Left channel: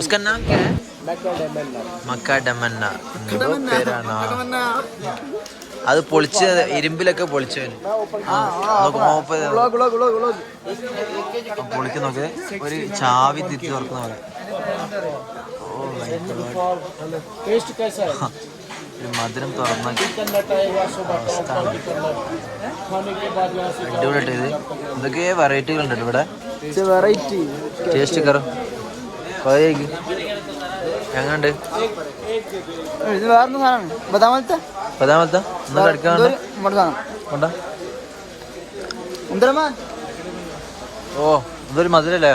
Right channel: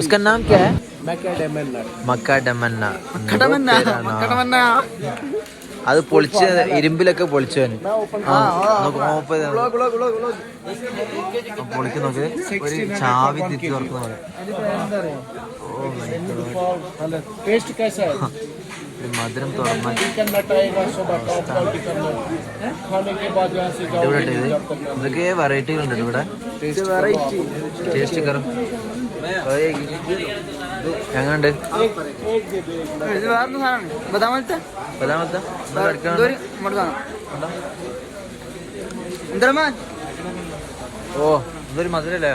उसका नाम क्या है മക്ക ഡമന്ന എന്തോ പേരാണ്. അത് പൊളിച്ച് ഇരുമ്പിലൊക്കെ പൊളിച്ചവൻ ആ, നോക്ക് മോപ്പ് ചെയ്ത് നോക്ക്. പൊളിക്ക് നോക്ക് ഒരു ചാവി തിരിച്ചു തുറക്കുന്ന പോലെ ഓ my God. टेस्ट कैसा है ഒരു മധുരം തുറന്ന चिकन नट आएगा सुबह टॉप क्वालिटी का नट खाने के बाद यहाँ से जाओ അടിപൊളിയായിട്ട് ഇത് ഇതൊക്കെ വെറൈറ്റികൾ ഉണ്ട് ഇവിടെ वेराइटी ടേസ്റ്റ് കയറും ബദാമത്തെ പതാമത്തെ ഒന്ന് കടിക്കാണ്ട് ഓ ഇതൊരു മധുരല്ലേ?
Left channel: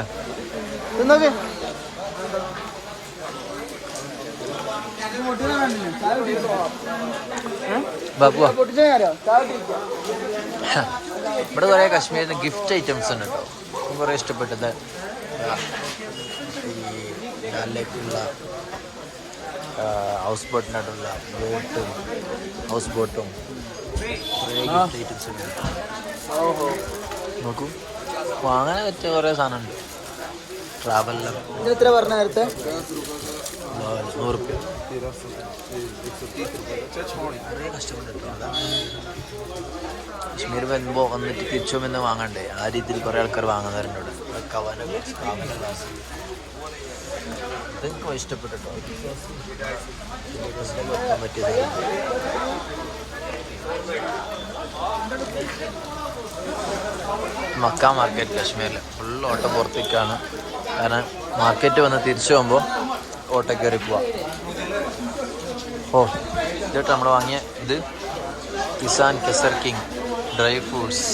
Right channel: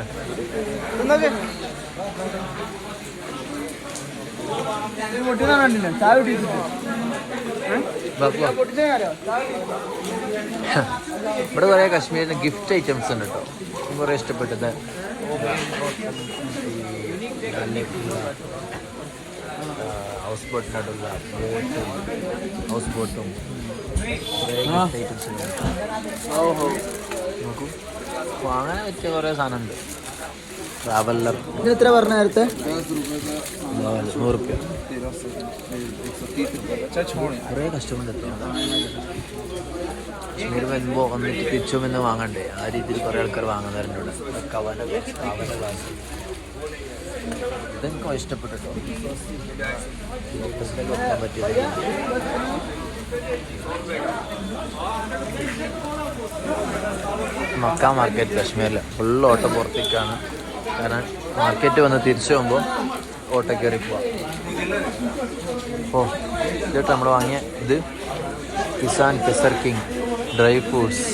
ഇവിടെ കുറെ കാശ്മീരിന് ഗിഫ്റ്റ് ഐറ്റംസ് ഉണ്ട് കേട്ടോ. കുറെ ഇഷ്ടപ്പെട്ടത്. ഡാലിലേക്കുള്ള ഹൗസ് ബോട്ടിനായിട്ടുള്ള ബോട്ടും ഹൗസ് ബോട്ടും കുറേ ഗിഫ്റ്റ് ഐറ്റംസ് നോക്കൂ. വാങ്ങാൻ പറ്റിയ കുറേ സാധനമുണ്ട്. ട്രാവലർ എത്ര പറഞ്ഞ നേരത്തെ? നൂറ് റുപ്യ. കുറേ കാശ്മീർ വരുമ്പോൾ വന്നിട്ട് തിരിച്ചു വന്ന് വാങ്ങണ്ടേ? ആ രീതിയിൽ കുറേ ആൾക്കാർ വാങ്ങുന്നവരുണ്ട് ഇവിടെ. കവന കവന ഗ്ലാസ് ഇതെനിക്ക് ഇഷ്ടപ്പെട്ടു ഓഫീസിലേക്ക് വെക്കാൻ പറ്റിയത് മക്ക മാർക്കറ്റ് കാശ്മീരിൽ ഫുൾ ഓട്ടം പുറത്തേക്കാണ്. കാരണം മാർക്കറ്റ് വന്ന് തിരിച്ചു പോകുമ്പോൾ ഓട്ടോ കയറി പോവാം. ഓ ഇതിട്ട് നമ്മൾ വാങ്ങിയ ഇത് Kisan Kesar king dry fruits